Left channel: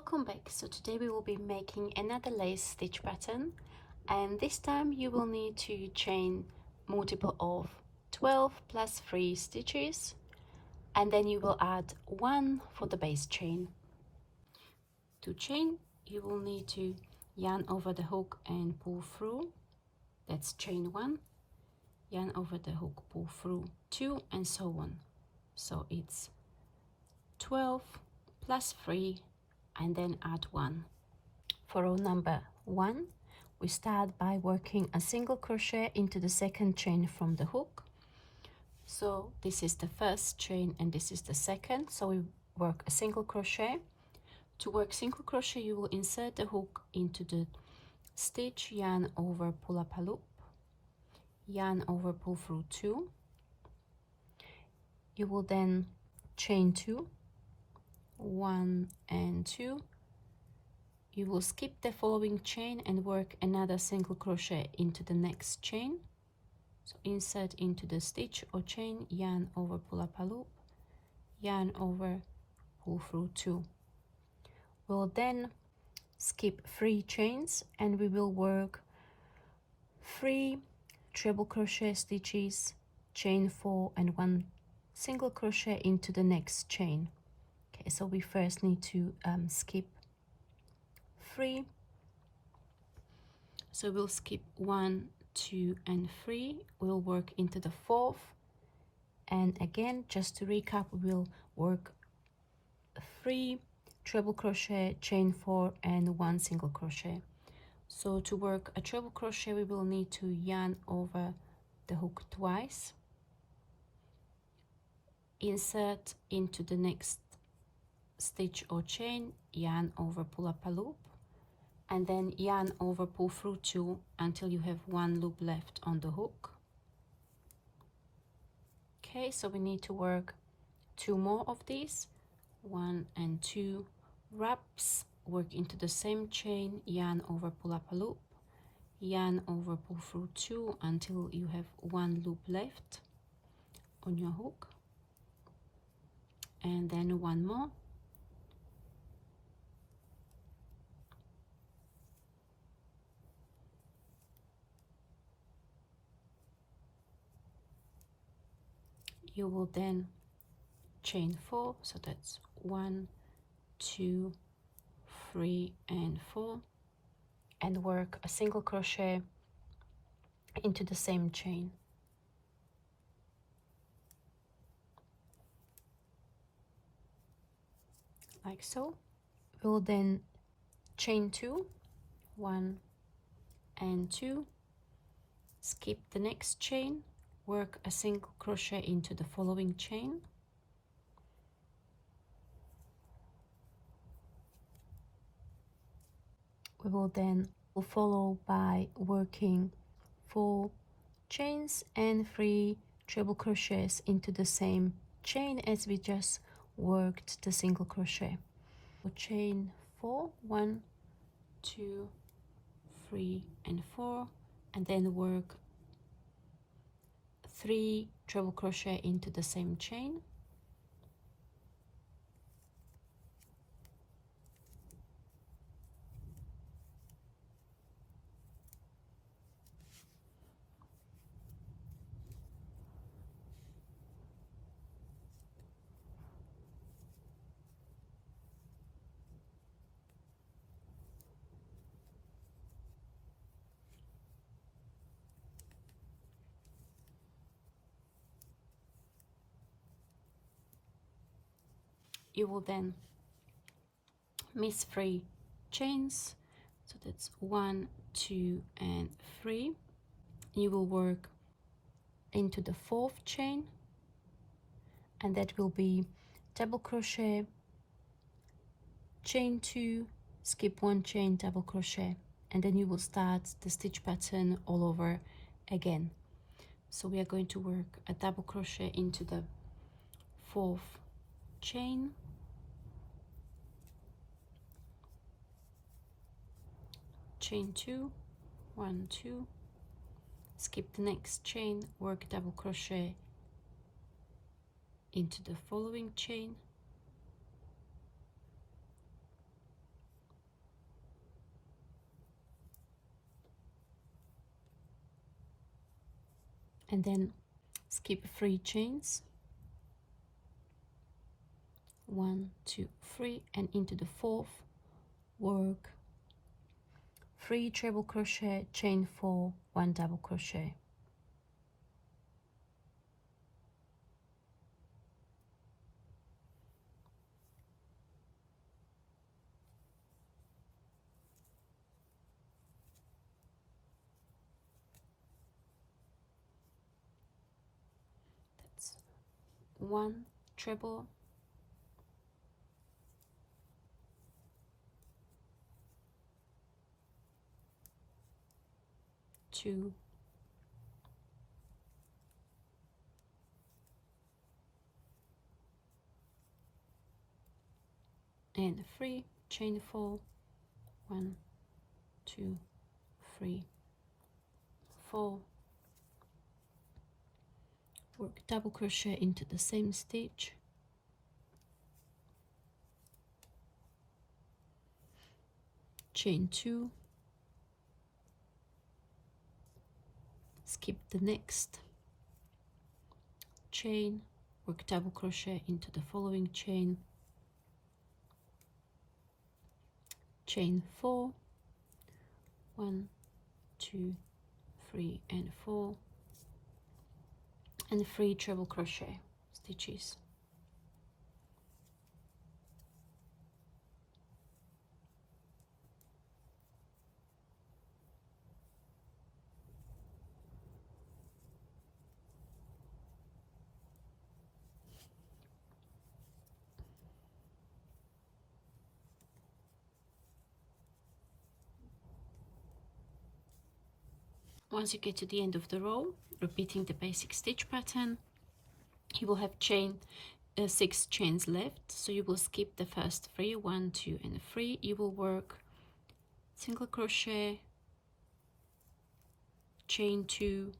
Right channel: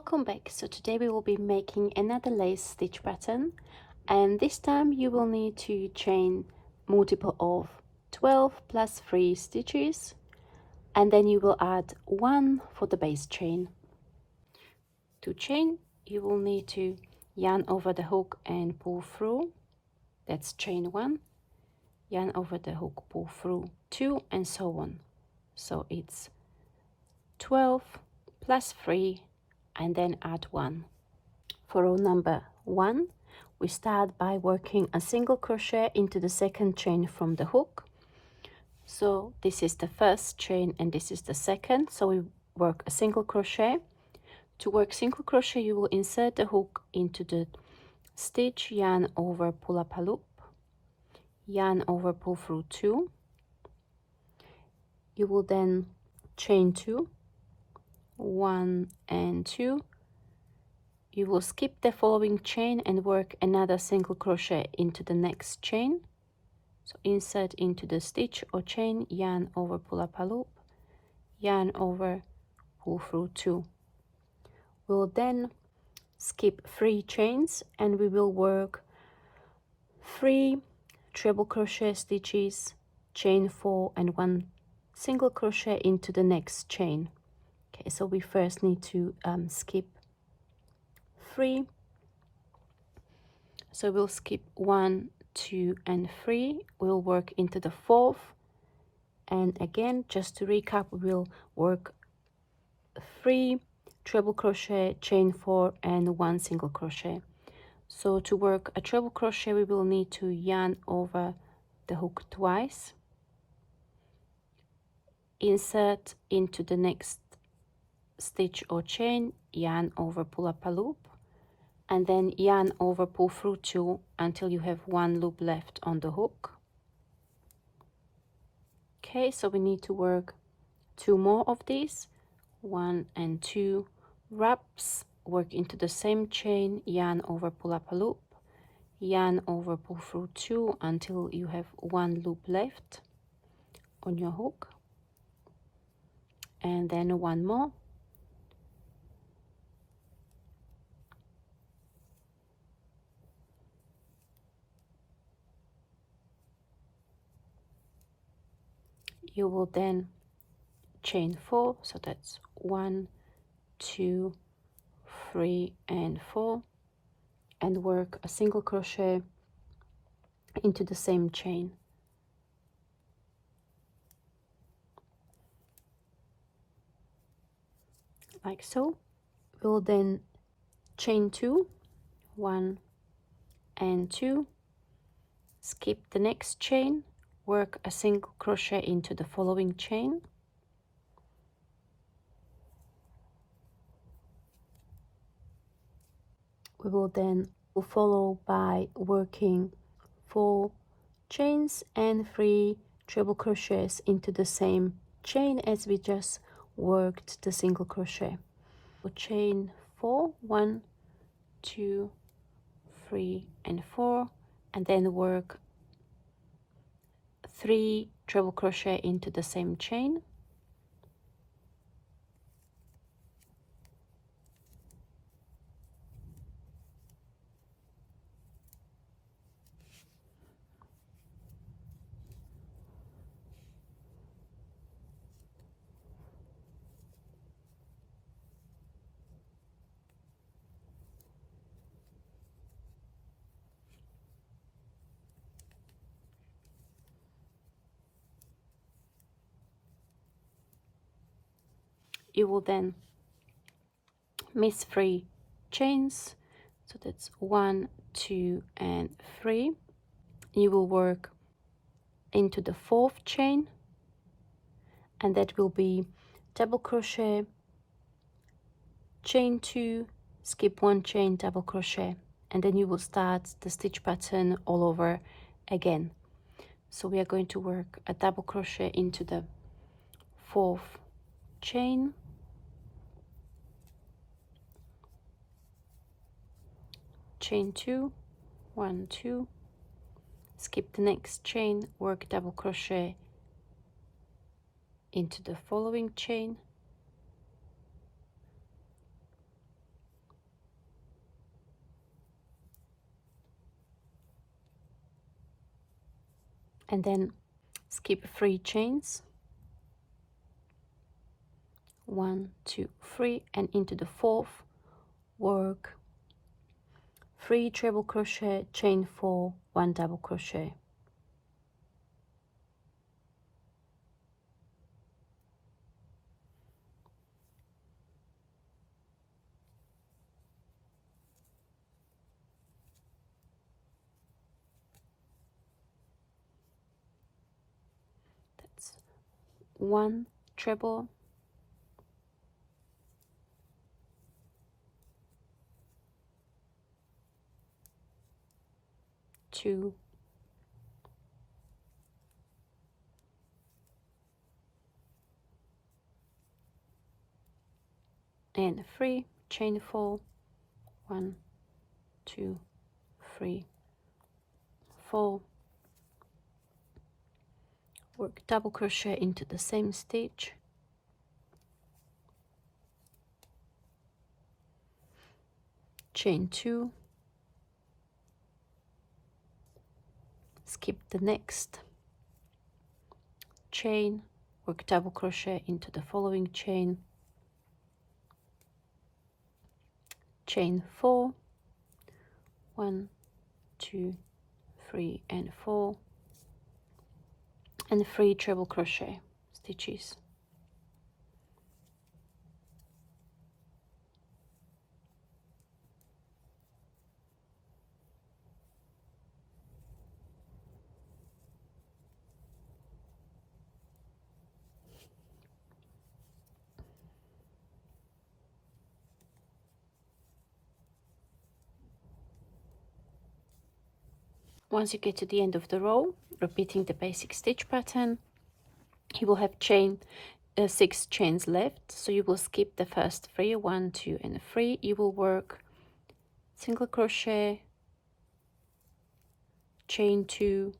Welcome back. So today we will be making another lace stitch pattern, and this time you will need to chain multiple of 12 plus 3 stitches, and then you will add 1 for the base chain. To chain, you will need to yarn over the hook and pull through. That's chain 1, yarn over the hook, pull through 2, and so on. So it's 12 plus 3 and then add 1. For row number 1, we start by working a single crochet into the second chain from the hook. So this is the first chain and this is the second, so we work a single crochet. To work single crochet, you will insert the hook into the stitch, yarn over, pull up a loop, yarn over, pull through 2. You will then chain 2, 1 and 2. You will skip the following chain and work another single crochet into the next chain. So insert into the stitch or chain, yarn over, pull up a loop, yarn over, pull through 2. We'll then skip 3 chains and we will work 3 treble crochet stitches, chain 4 and 1 single crochet into the next chain. Okay, so we first need to skip 3. So we'll skip 1, 2 and 3. We'll work into the 4th, and again, just to recap, we'll work 3 treble crochet, chain 4 and 1 single crochet. So to work a treble crochet, we will need to yarn over the hook twice, insert into the next stitch or chain, yarn over, pull up a loop, and then yarn over, pull through 2 until you have 1 loop left on the hook. Okay, so we need to work 2 more of these, 1 and 2 wraps, work into the same chain, yarn over, pull up a loop, yarn over, pull through 2 until you have 1 loop left on your hook, and then 1 more. You will then chain 4, so that's 1, 2, 3 and 4, and work a single crochet into the same chain. Like so. We'll then chain 2, 1 and 2, skip the next chain, work a single crochet into the following chain, we will then follow by working 4 chains and 3 treble crochets into the same chain as we just worked the single crochet. So chain 4, 1, 2, 3 and 4, and then work 3 treble crochet into the same chain, you will then miss 3 chains, so that's 1, 2 and 3. You will work into the 4th chain, and that will be double crochet, chain 2, skip 1 chain, double crochet, and then you will start the stitch pattern all over again. So we are going to work a double crochet into the 4th chain, chain 2, 1, 2, skip the next chain, work double crochet into the following chain, and then skip 3 chains, 1 2 3, and into the 4th work 3 treble crochet, chain 4, 1 double crochet. That's 1 treble, 2, and 3, chain 4, 1 2 3 4, work double crochet into the same stitch, chain 2, skip the next chain, work double crochet into the following chain, chain 4, 1 2 3 and 4, and 3 treble crochet stitches. Once you get to the end of the row, repeating the basic stitch pattern, you will have 6 chains left, so you will skip the first 3, 1 2 and 3. You will work single crochet, chain 2,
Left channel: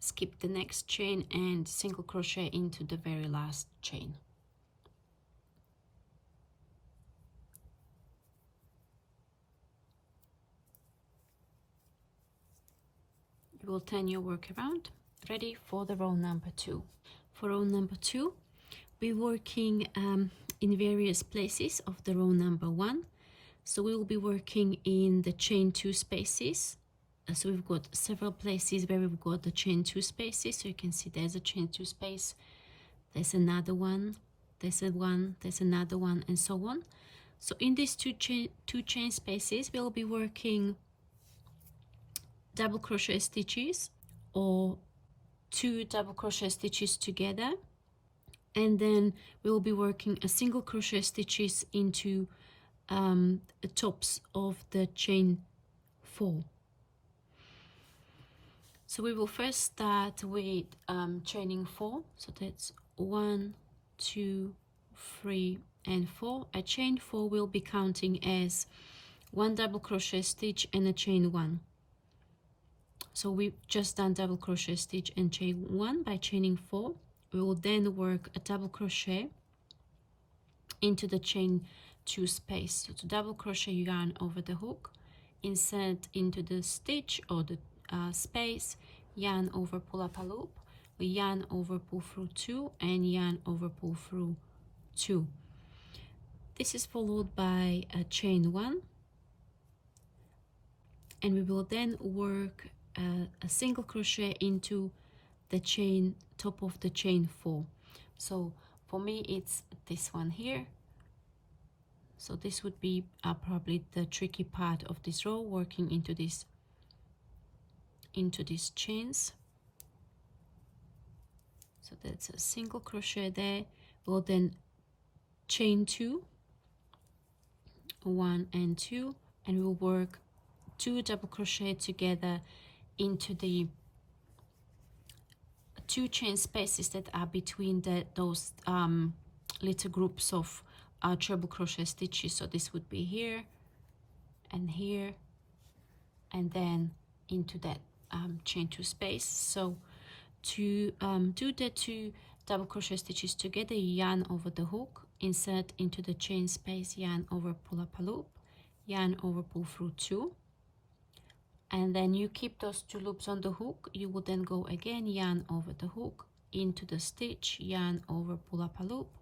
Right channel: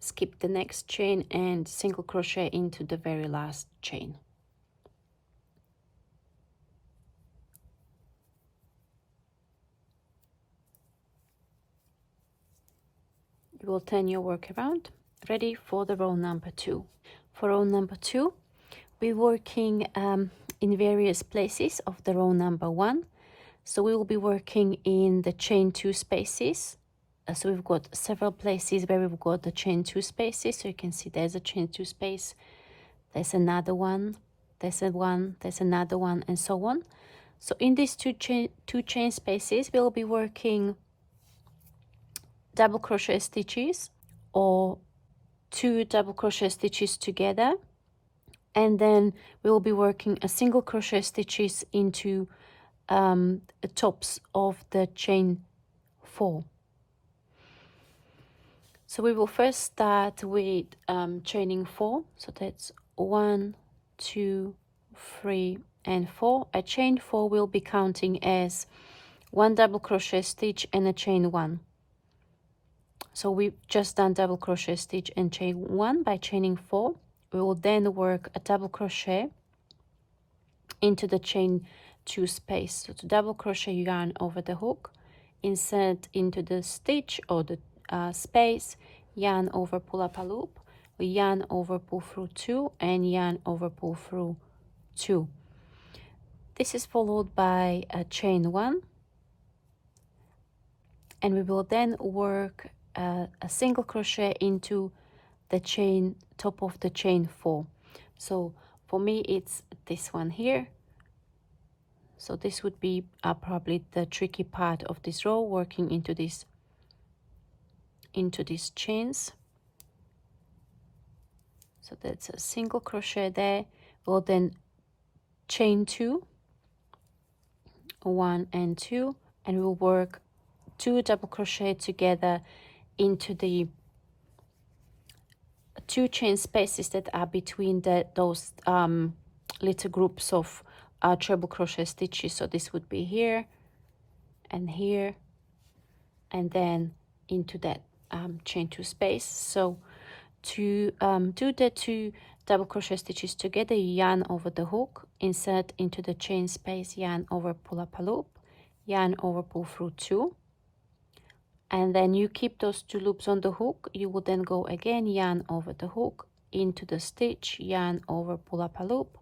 skip the next chain and single crochet into the very last chain. You will turn your work around, ready for the row number 2. For row number 2, we're working in various places of the row number 1. So we will be working in the chain 2 spaces. So we've got several places where we've got the chain 2 spaces. So you can see there's a chain 2 space, there's another one, there's another one, and so on. So in these two chain spaces, we'll be working double crochet stitches or 2 double crochet stitches together, and then we will be working a single crochet stitches into the tops of the chain 4. So we will first start with chaining 4. So that's 1 2 3 and 4. A chain 4 will be counting as 1 double crochet stitch and a chain 1. So we've just done double crochet stitch and chain 1 by chaining 4. We will then work a double crochet into the chain 2 space. So to double crochet yarn over the hook, insert into the stitch or the space, yarn over, pull up a loop, we yarn over, pull through 2, and yarn over, pull through 2. This is followed by a chain 1, and we will then work a single crochet into the chain top of the chain 4. So for me it's this one here. So this would be probably the tricky part of this row, working into these chains. So that's a single crochet there. We'll then chain 2, 1 and 2, and we'll work 2 double crochet together into the 2 chain spaces that are between those little groups of treble crochet stitches. So this would be here, and then into that chain 2 space. So to do the 2 double crochet stitches together, you yarn over the hook, insert into the chain space, yarn over, pull up a loop, yarn over, pull through 2, and then you keep those 2 loops on the hook. You will then go again, yarn over the hook into the stitch, yarn over, pull up a loop,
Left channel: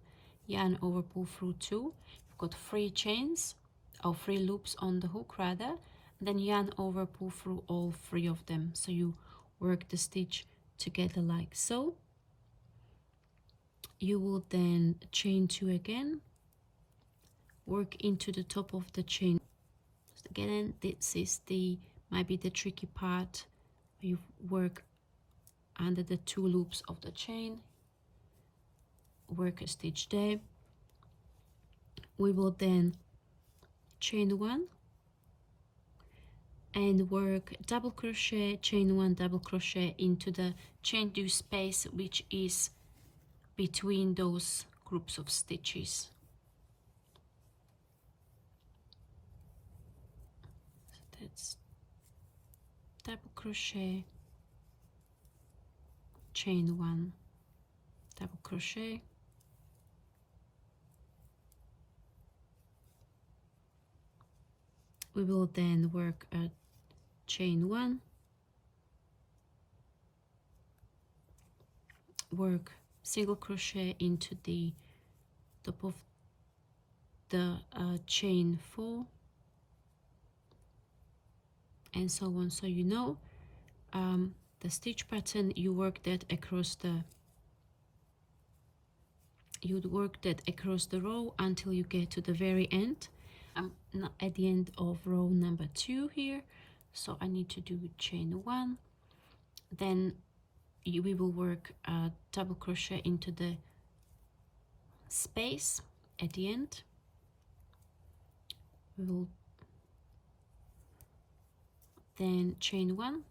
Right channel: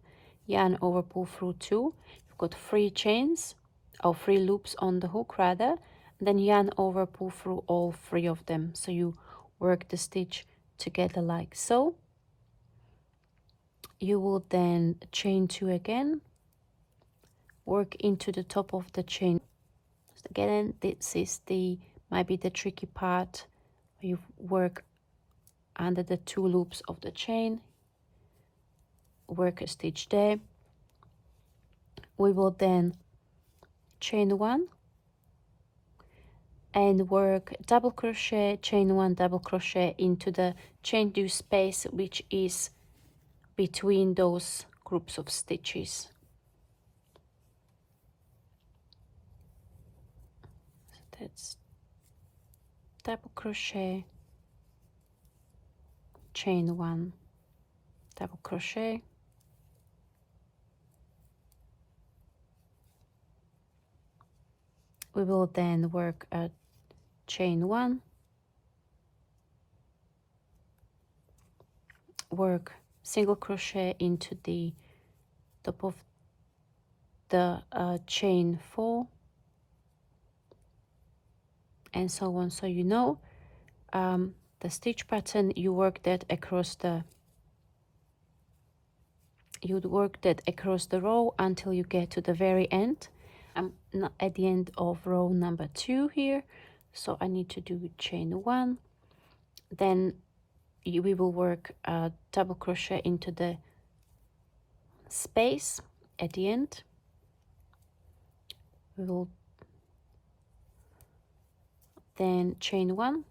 yarn over, pull through 2. You've got 3 chains or 3 loops on the hook rather, then yarn over, pull through all 3 of them, so you work the stitch together like so. You will then chain 2 again, work into the top of the chain. So again, this is the might be the tricky part. You work under the 2 loops of the chain, work a stitch there. We will then chain 1 and work double crochet, chain 1, double crochet into the chain 2 space which is between those groups of stitches. So that's double crochet, chain 1, double crochet, we will then work a chain 1, work single crochet into the top of the chain 4, and so on. So you know the stitch pattern, you work that across the row until you get to the very end. I'm not at the end of row number 2 here, so I need to do chain 1, then we will work a double crochet into the space at the end. We will then chain 1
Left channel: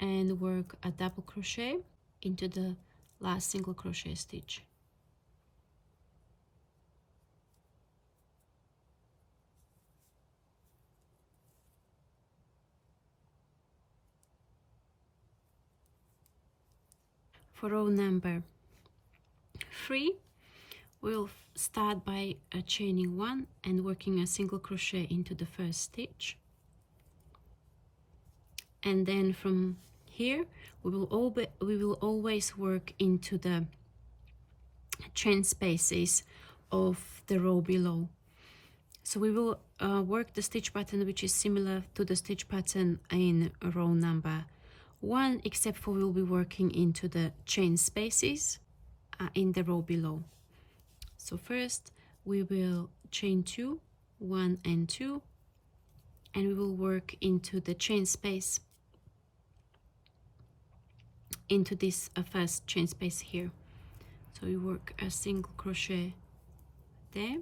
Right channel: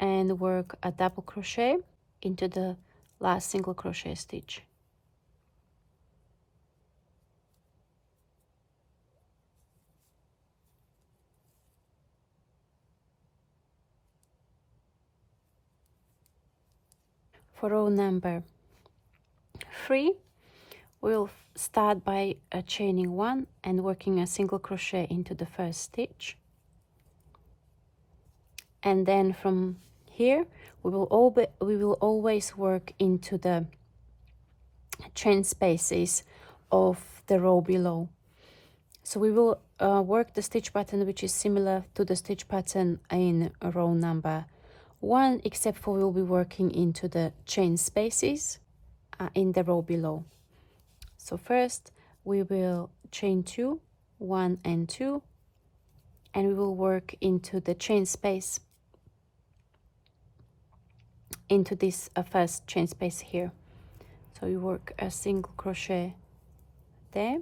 and work a double crochet into the last single crochet stitch. For row number 3, we'll start by chaining 1 and working a single crochet into the first stitch, and then from here we will always work into the chain spaces of the row below. So we will work the stitch pattern which is similar to the stitch pattern in row number 1, except for we'll be working into the chain spaces in the row below. So first we will chain 2, 1 and 2, and we will work into the chain space, into this first chain space here. So you work a single crochet there.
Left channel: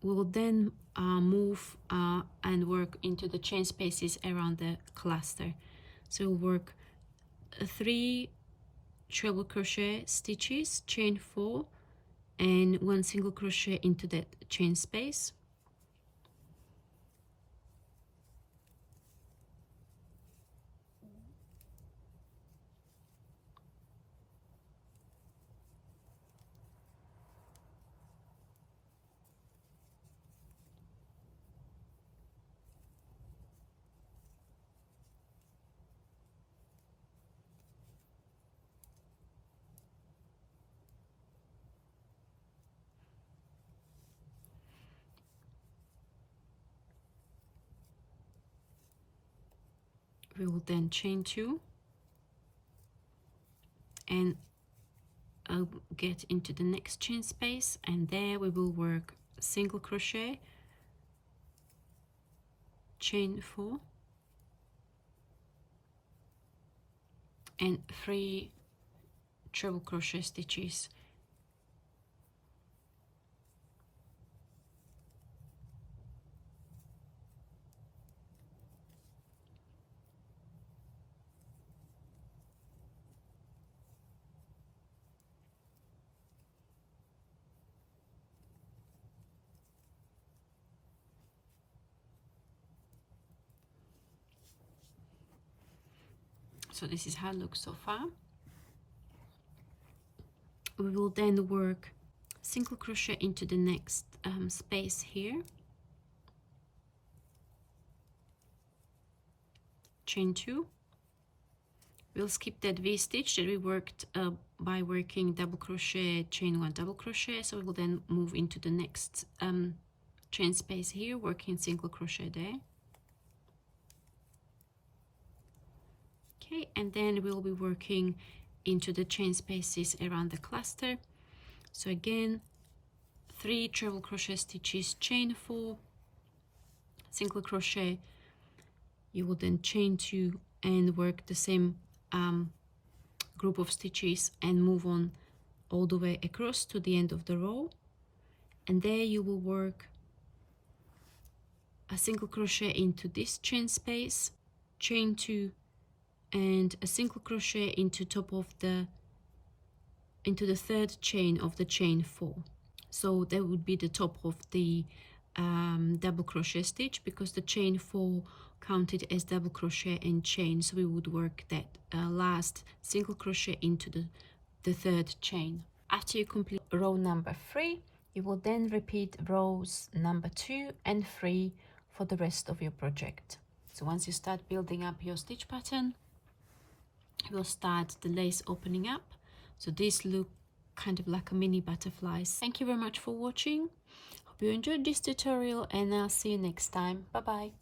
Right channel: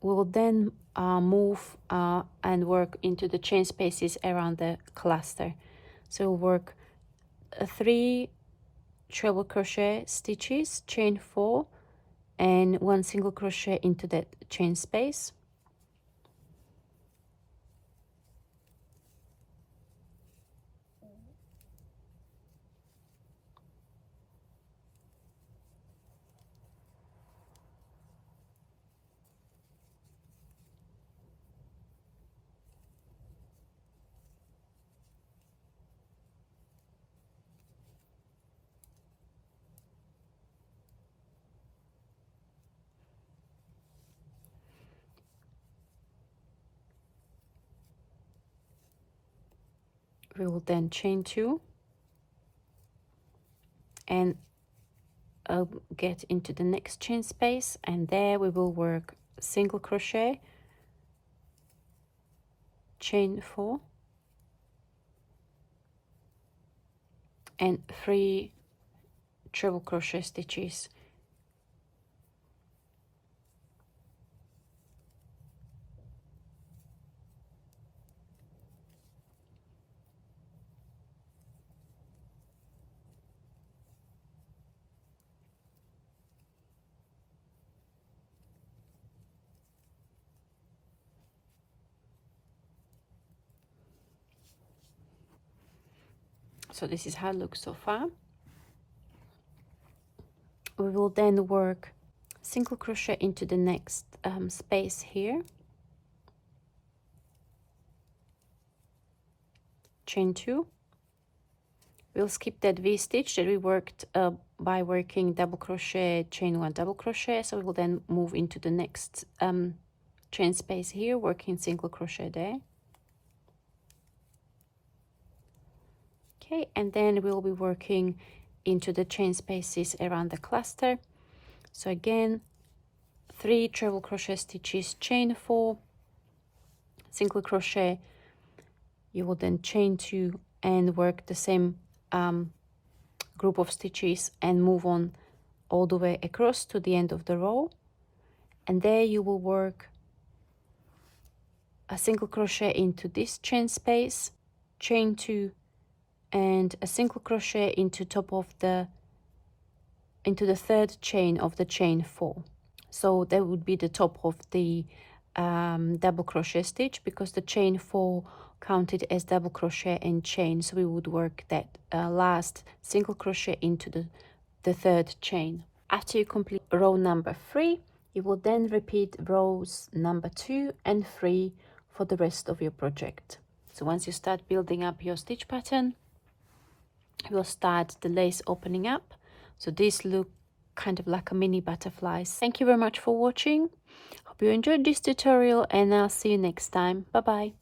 We will then move and work into the chain spaces around the cluster. So we'll work 3 treble crochet stitches, chain 4 and 1 single crochet into that chain space. We will then chain 2 and get into the next chain space, and there we will work single crochet, chain 4 and 3 treble crochet stitches. So this is how it looks so far. We will then work single crochet into the next space here, chain 2. We'll skip that V stitch that we worked by working double crochet, chain 1, double crochet. So we will then move into the next chain space here, working single crochet there. Okay, and then we'll be working into the chain spaces around the cluster. So again, 3 treble crochet stitches, chain 4, single crochet. You will then chain 2 and work the same group of stitches and move on all the way across to the end of the row, and there you will work a single crochet into this chain space, chain 2, and a single crochet into the third chain of the chain 4. So that would be the top of the double crochet stitch, because the chain 4 counted as double crochet and chain, so we would work that last single crochet into the third chain. After you complete row number 3, you will then repeat rows number 2 and 3 for the rest of your project. So once you start building up your stitch pattern, you will start the lace opening up. So these look kind of like a mini butterflies. Thank you very much for watching. Hope you enjoyed this tutorial, and I'll see you next time. Bye bye.